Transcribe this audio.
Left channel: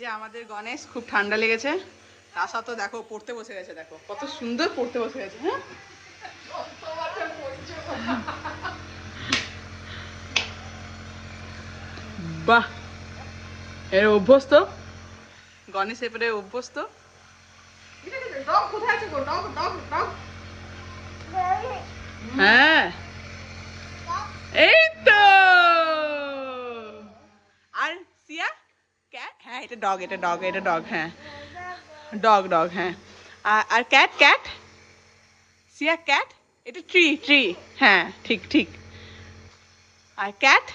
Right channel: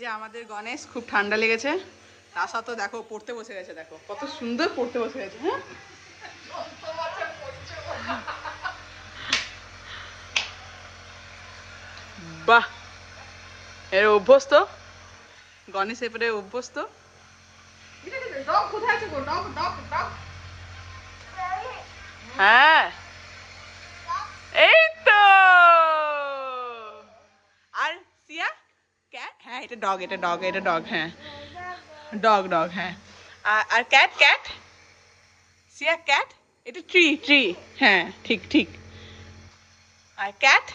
যে আমাদের গণেশ খুব ঠান্ডা লেগেছে, তা সত্ত্বেও দেখো পড়তে বসে গেছে, দেখো কত সুন্দর পড়তে বসে গেছে। হ্যাঁ বাহ, এর অভ্যস্ত গণেশ, এবারে অভ্যস্ত। হ্যাঁ এই তো। আর সিয়া ক্যাট, হ্যাঁ এটা ডগ, এটা ডগ, এটা ডগ, হ্যাঁ ডগ ডগ, হ্যাঁ। আর ক্যাট, ক্যাট সিয়া ক্যাট, এটা ট্রি ট্রি, হ্যাঁ ঠিক ঠিক। আর ক্যাট